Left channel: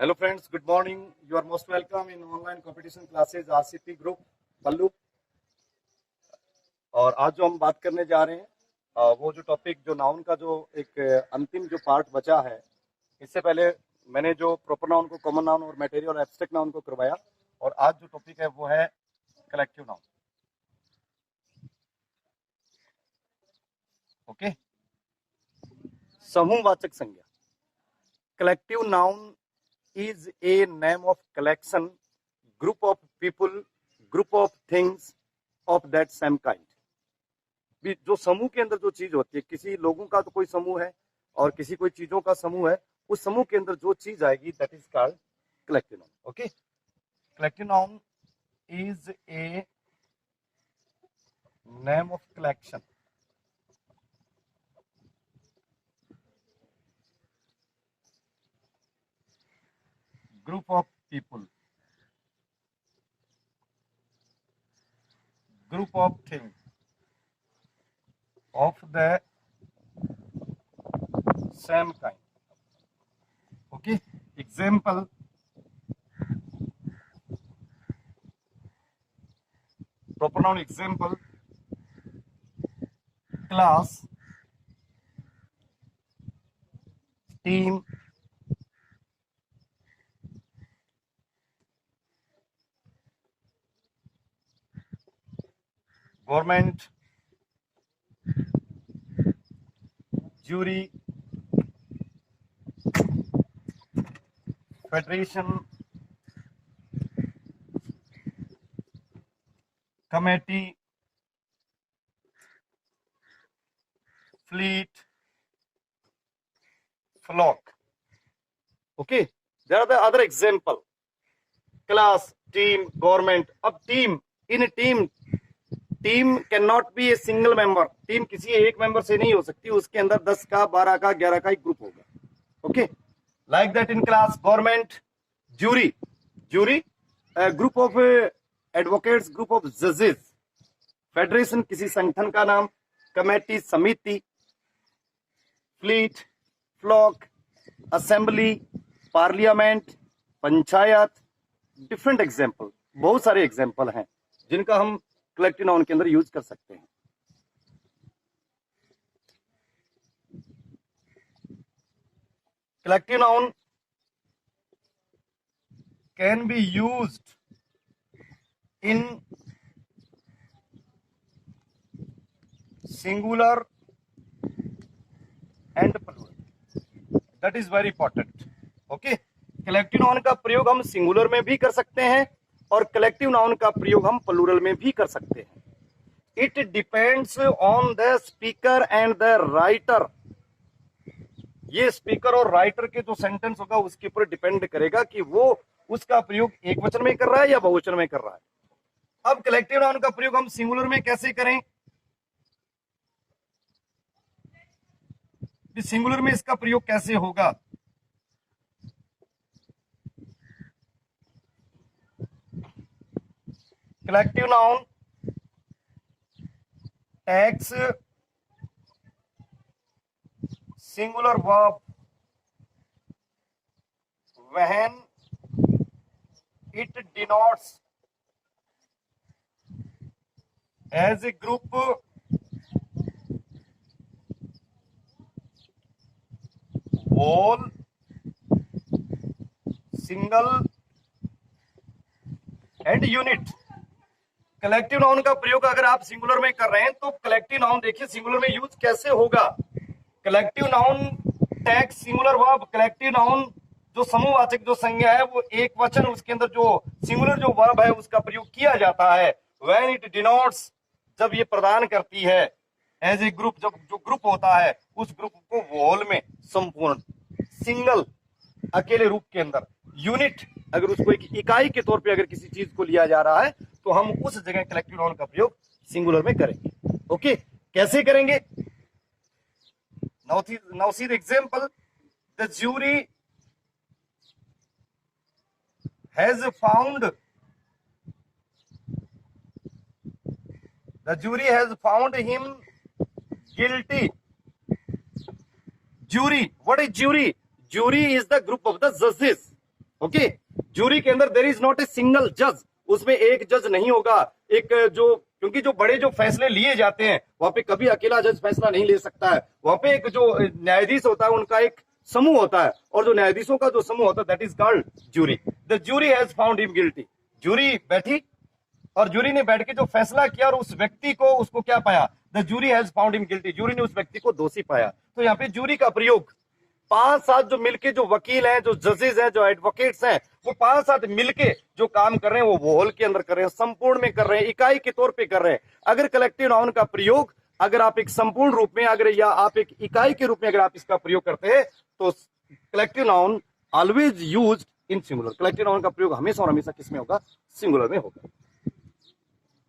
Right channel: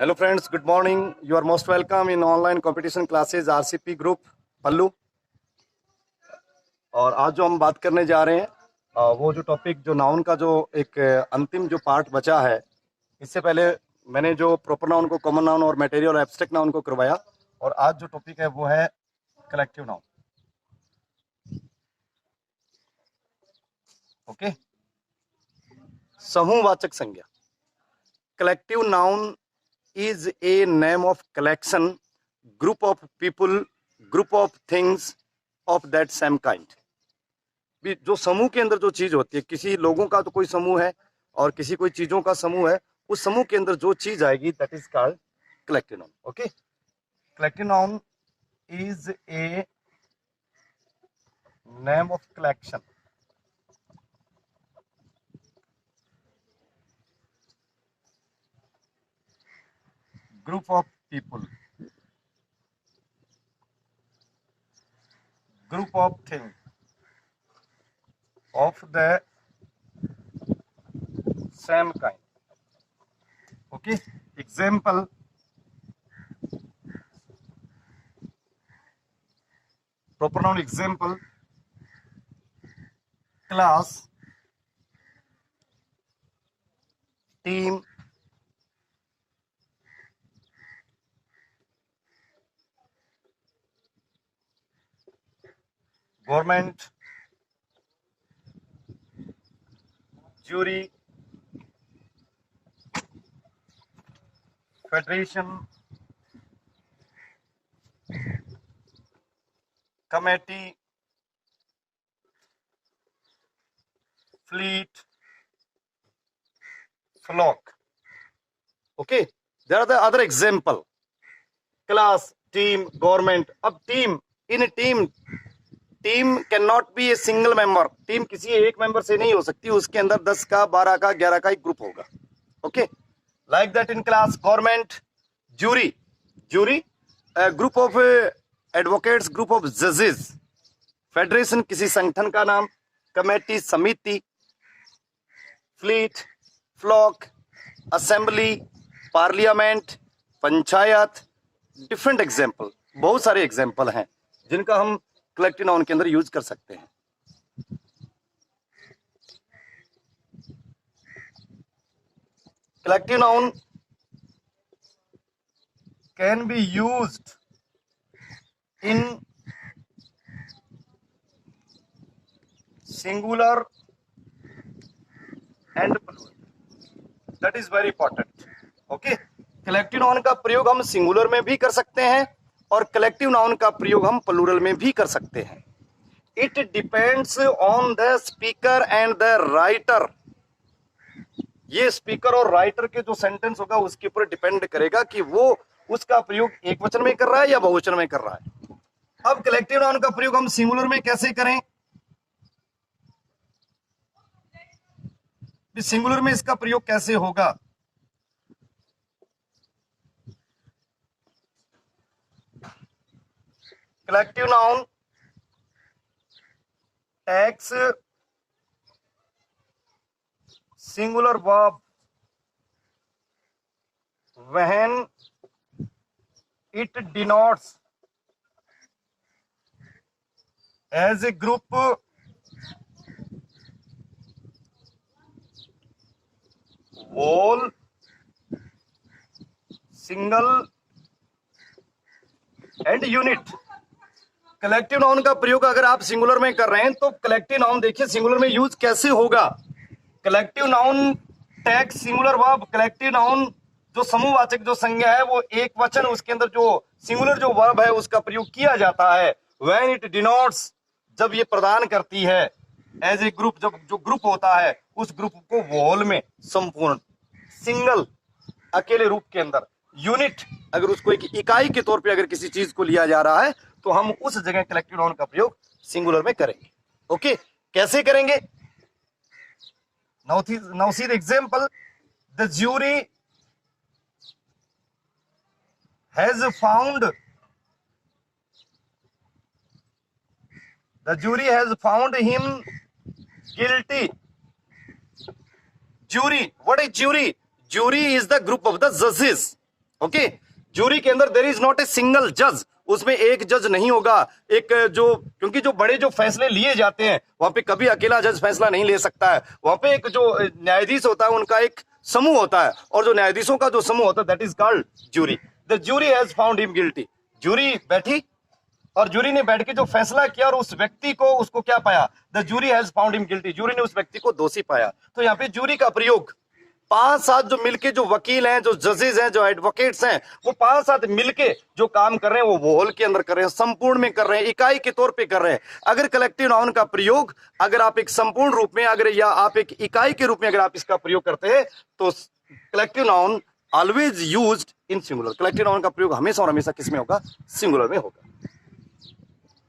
Hello friends, good morning. You are most welcome in online competition classes RCP group पल्लू। और आज जो हम बात करने जा रहे हैं वो जो टॉपिक जो नाउन का जो एक अंतिम जो पार्ट बचा है, इससे पहले मैंने जो प्रॉपर नाउन को, कॉमन नाउन और मटेरियल और एब्स्ट्रैक्ट नाउन को करवाया, और आज जो टॉपिक है वो है कलेक्टिव नाउन। ओके, समूहवाचक संज्ञा। Collective noun is a name of collection, group of people, group of things of that same kind। भी जो समूह के अंदर जो चीज होती है, किसी लोगों का तो कोई समूह है और किसी कोई चीजों का समूह है, उस समूह के अंदर जो चीज आएगी that is called collective noun. Okay, collective noun is a name of collection, group of people, group of things of the same kind। okay, example, proper noun example, class, team, government, jury, federation, committee, fleet, flock। okay, there are the other example, class, team, government। अब team, in team can not be a single member. Team किसी एक member से नहीं हो सकती, उसके अंदर 10 का, 12 का, 11 का एक ग्रुप होगा। Okay, like that in class, government, jury, group of advocates, group of जजेस, फेडरेशन किसी संगठन का नाम, कमेटी समिति, fleet flock, assembly, parliament, panchayat. Different example, बहुत सारे एग्जाम्पल हैं जिनका हम कलेक्टिव नाउन के अंदर यूज कर सकते हैं। Collective noun can be used in singular and plural, that is very important. Okay, collective noun का प्रयोग हम सिंगुलर में भी कर सकते हैं और कलेक्टिव नाउन का प्रयोग हम प्लूरल में भी कर सकते हैं। It depends on the speaker and the writer. ये स्पीकर और राइटर के जो सेंटेंस होगा उसके ऊपर डिपेंड करेगा कि वो उसका प्रयोग एक वचन में कर रहा है या बहुवचन में कर रहा है। अब कलेक्टिव नाउन का प्रयोग हम सिंगुलर में कैसे करें? सिंगुलर में इसका प्रयोग कैसे होगा? Collective noun takes singular verb when it denotes as a group whole, single and unit। Collective noun का प्रयोग अगर आप सिंगुलर में कर रहे हैं तो कलेक्टिव नाउन देखिए सिंगुलर में यूज कैसे होगा। Collective noun tag singular verb, collective noun जो समूहवाचक जो संज्ञा है वो एक वचन, उसके अंदर जो सिंगुलर जो वर्ब है उसका प्रयोग किया जाता है। व्हेन इट डिनोट्स, जब ये प्रदान करती है, एज ए ग्रुप, जब जो ग्रुप होता है उस ग्रुप को वोल में, संपूर्ण, सिंगल अकेले रूप के अंदर, यूनिट अगर उसको एक इकाई के तौर पे अगर किसी चीज को लिया जा रहा है तो हम उस जगह कलेक्टिव नाउन का प्रयोग सिंगुलर में करेंगे। ओके, कैसे करेंगे? Now see the example, the jury has found him guilty. Jury, what is jury? Jury is the group of the judges। Okay, jury के अंदर there is not a single जज, उसमें एक जज नहीं होगा। एक जो, क्योंकि जो बड़े जो फैसले लिए जाते हैं वहां पे कभी अकेला जज फैसला नहीं ले सकता है। वहां पे एक जो न्यायाधीश होता है उनका एक समूह होता है, और जो न्यायाधीशों का जो समूह होता है that is called jury. The jury has found him guilty. Jury बैठी और जूरी ने बैठ के जो फैसला किया और उस व्यक्ति को, उसको क्या पाया, the jury has found him guilty, jury ने उस व्यक्ति को दोषी पाया। तो यहाँ पे जूरी का प्रयोग 5-7 जो मिलके, जो वकील हैं, जो जजेस हैं, जो एडवोकेट्स हैं, वो 5-7 मिलके जो काम कर रहे हैं वो होल के अंदर कर रहे हैं, संपूर्ण में कर रहे हैं, इकाई के तौर पे कर रहे हैं। अगर कलेक्टिव नाउन का प्रयोग अगर आप एक संपूर्ण रूप में, अगर या आप एक इकाई के रूप में अगर आप इसका प्रयोग करते हैं तो collective noun always used in singular. Collective noun का प्रयोग हमेशा और हमेशा किसमें होगा, सिंगुलर में होगा।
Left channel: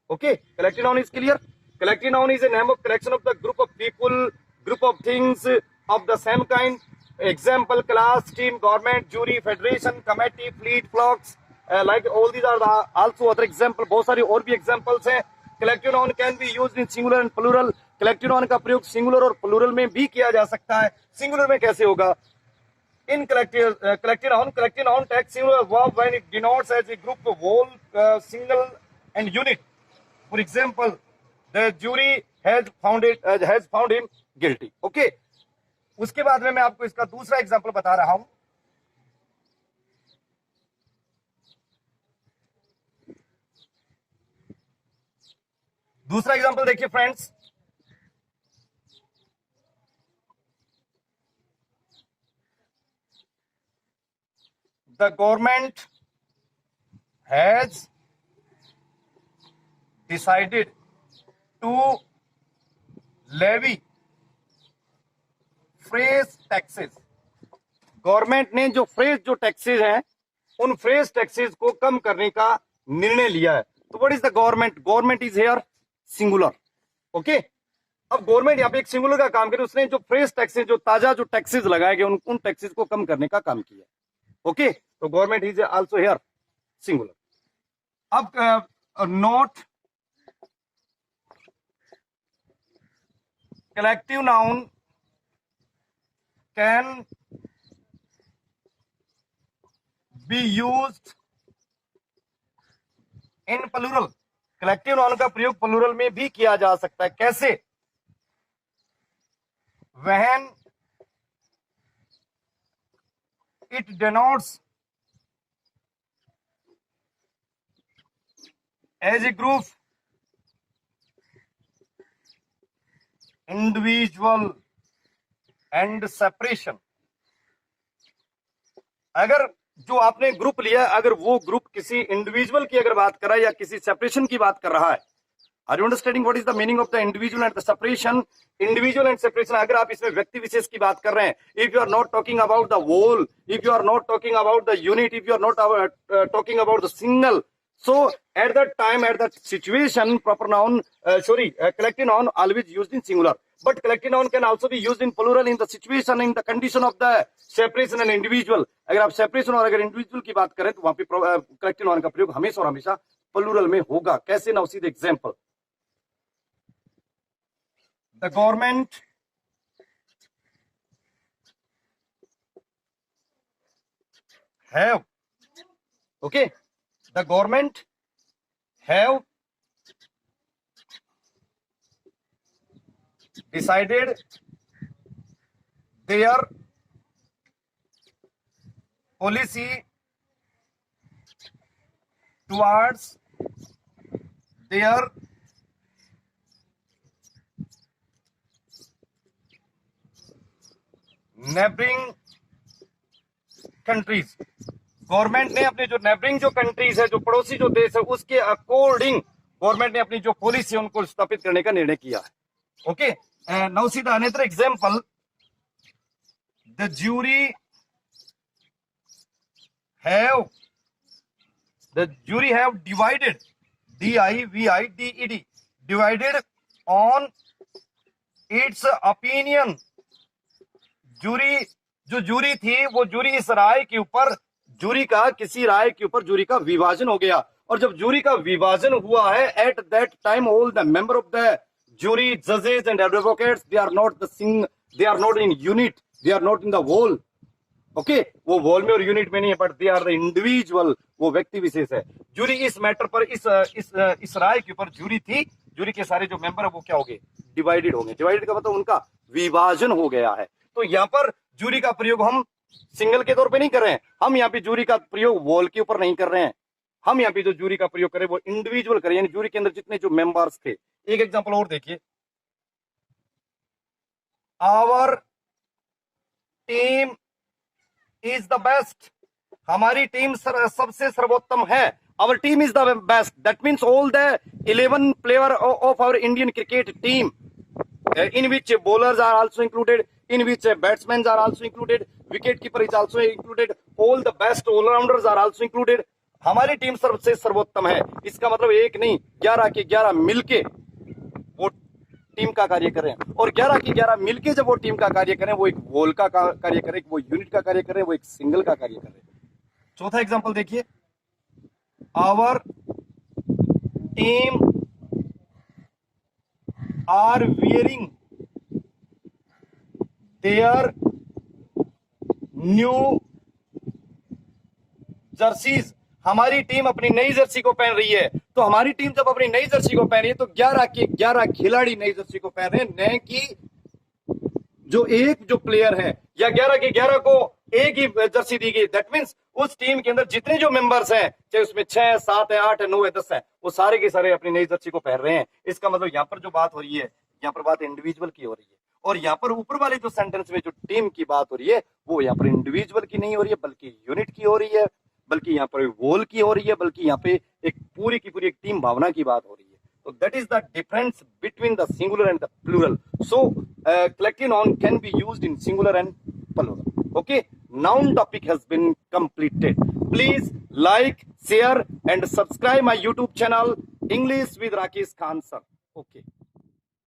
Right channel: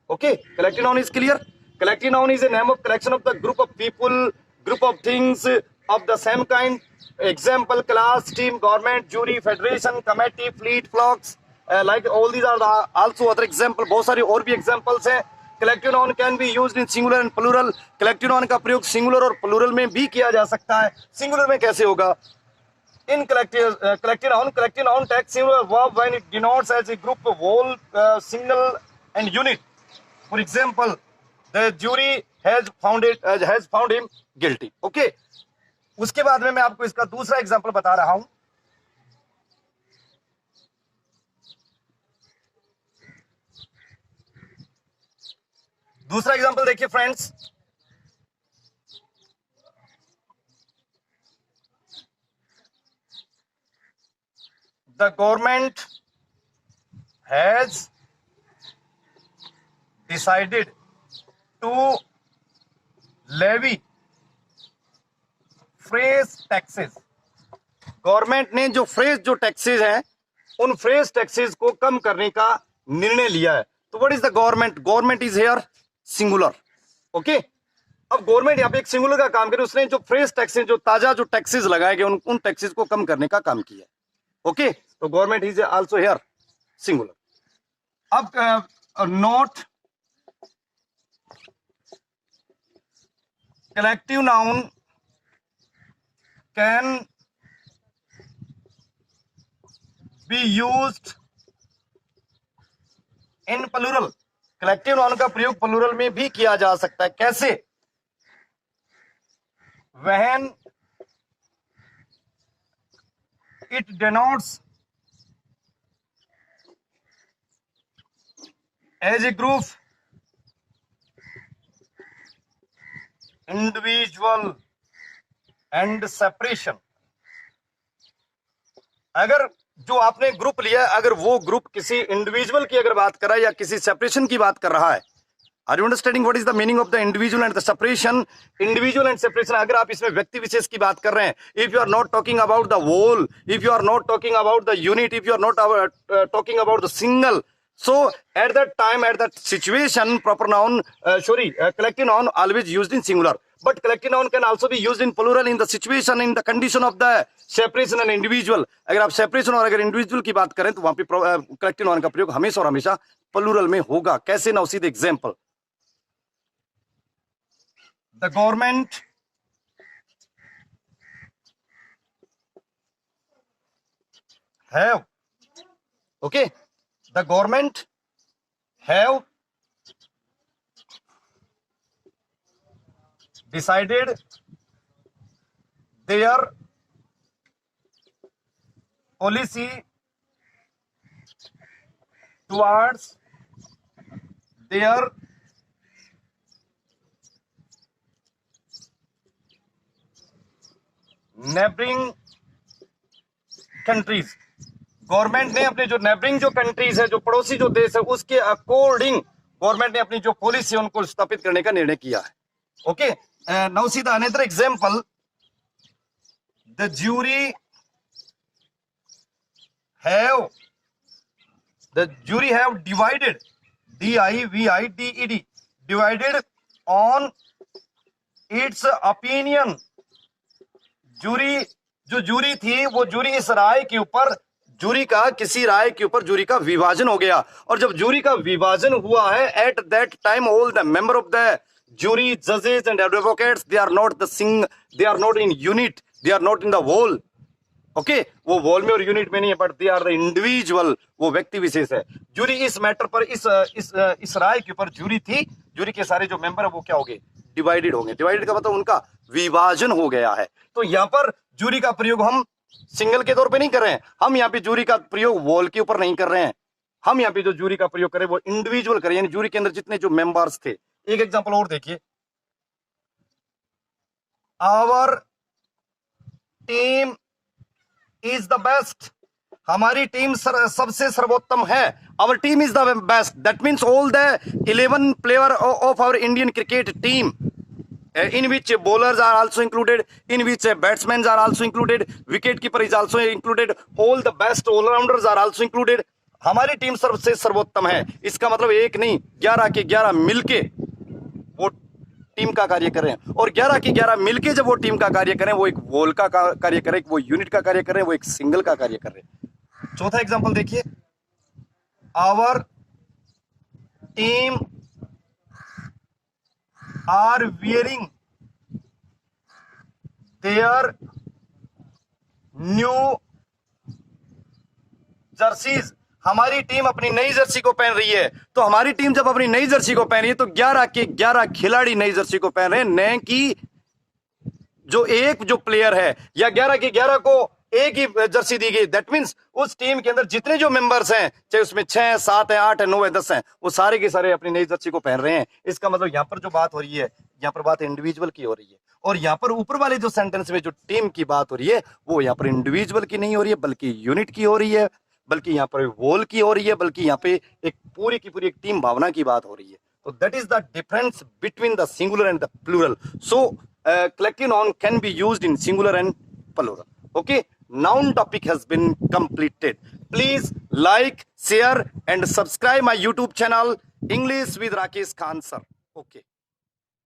Okay, collective noun is clear. Collective noun is a name of collection of the group of people, group of things of the same kind. Example, class, team, government, jury, federation, committee, fleet, flocks, like all these are also other example। बहुत सारी और भी examples हैं। Collective noun can be used in singular and plural। Collective noun का प्रयोग singular और plural में भी किया जा सकता है। Singular में कैसे होगा? In collective noun takes singular verb when it denotes as a group, whole, single and unit। For example, the jury has found him guilty। Okay। उसके बाद में मैं आपको इसका दूसरा एग्जांपल बता रहा हूं। दूसरा एग्जांपल देखिए friends, the government has decided to levy fresh taxes. Government ने जो फ्रेश जो टैक्सेस हैं उन फ्रेश टैक्सेस को कम करने का निर्णय लिया है। तो what is the government? Government is here singular. Okay, अब गवर्नमेंट यहाँ पे एक सिंगुलर का काम करे, उसने जो फ्रेश टैक्सेस, जो ताजा जो टैक्सेस लगाए गए उन टैक्सेस को कम करने का काम किया। ओके, तो government is also here singular. अब note, collective noun can be used in plural। Collective noun का प्रयोग प्लूरल में भी किया जा सकता है। कैसे? when it denotes as a group, individual and separation. अगर जो आपने ग्रुप लिया है, अगर वो ग्रुप किसी इंडिविजुअल की अगर बात कर रहा है या किसी सेपरेशन की बात कर रहा है, are you understanding what is the meaning of the individual and the separation? Individual and separation, अगर आप इसमें व्यक्ति विशेष की बात कर रहे हैं, if you are not talking about the whole, if you are not talking about the unit, if you are not talking about the single, so at that time, at that situation, proper noun, collective noun always used in singular, but collective noun can also be used in plural in the situation, in the condition of the separation and individual। अगर आप separation और अगर individual की बात करें तो वहां पे collective noun का प्रयोग हमेशा और हमेशा plural में होगा। कैसे? Now see the example, the government have, okay, the government have decided their policy towards their neighboring countries। Government ने अपने जो नेबरिंग जो कंट्रीज है, जो पड़ोसी जो देश है, उसके अकॉर्डिंग गवर्नमेंट ने अपनी जो पॉलिसी है उनको स्थापित करने का निर्णय किया है। Okay, now see the another example, the jury have divided, DIVIDED, divided on its opinion. Jury थी, वो जूरी इस राय के ऊपर, जूरी का किसी राय के ऊपर जूरी का विभाजन हो गया, और जब जूरी का विभाजन हुआ है, at that time all the member of the jury, जजेस and advocates, they are not in unit, they are not in the whole, okay वो वॉल में और यूनिट में नहीं है, but they are the individual, वो व्यक्ति विशेष है। जूरी इस मैटर पर इस राय के ऊपर जूरी थी, जूरी के सारे जो मेंबर है वो क्या हो गए, डिवाइडेड होंगे। डिवाइडेड का मतलब उनका विभाजन हो गया है। तो यहाँ पर जूरी का प्रयोग हम सिंगल के तौर पे नहीं कर रहे हैं, हम यहाँ पे जूरी का प्रयोग वॉल के ऊपर नहीं कर रहे हैं, हम यहाँ पे जो जूरी का प्रयोग करें वो इंडिविजुअल करें, यानी जूरी के अंदर जितने जो मेंबर्स थे। एक एग्जांपल और देखिए, our team is the best, हमारी टीम सबसे सर्वोत्तम है। Our team is the best, that means all the 11 player of our Indian cricket team, in which bowlers are also included, in which batsmen are also included, wicket keeper is also included, all the best all rounders are also included। हमारी team सबसे सर्वोत्तम है, इसका मतलब एक नहीं 11 के 11 मिलके वो टीम का कार्य करें, और 11 के 11 मिलके जब वो टीम का कार्य करें, वो एक वॉल का कार्य करें, वो यूनिट का कार्य करें, वो एक सिंगल का कार्य करें। चौथा एग्जांपल देखिए, our team are wearing their new jerseys, हमारी टीम अपनी नई जर्सी को पहन रही है। तो हमारी टीम जब अपनी नई जर्सी को पहन रही है तो 11 के 11 खिलाड़ी नई जर्सी को पहन रहे हैं, न कि जो प्लेयर है, या 11 के 11 को एक ही जर्सी दी गई। दैट मींस उस टीम के अंदर जितने जो मेंबर्स हैं, चाहे उसमें 6 7 है 8 है 9 है 10 है, वो सारे के सारे अपनी नई जर्सी को पहन रहे हैं। इसका मतलब यहाँ पर जो बात हो रही है, यहाँ पर बात इंडिविजुअल की हो रही है, और यहाँ पर ऊपर वाले जो सेंटेंस में जो टीम की बात हो रही है वो यहाँ पर इंडिविजुअल की नहीं हो रही है, बल्कि यूनिट की हो रही है, बल्कि यहाँ पर वोल की हो रही है, बल्कि यहाँ पे एक पूरी की पूरी एक टीम भावना की बात हो रही है। So that is the difference between the singular and the plural. So collective noun can be used in singular and plural. Okay, noun topic has been completed. Please like, share and subscribe my YouTube channel English with Rakesh Khan sir. Okay.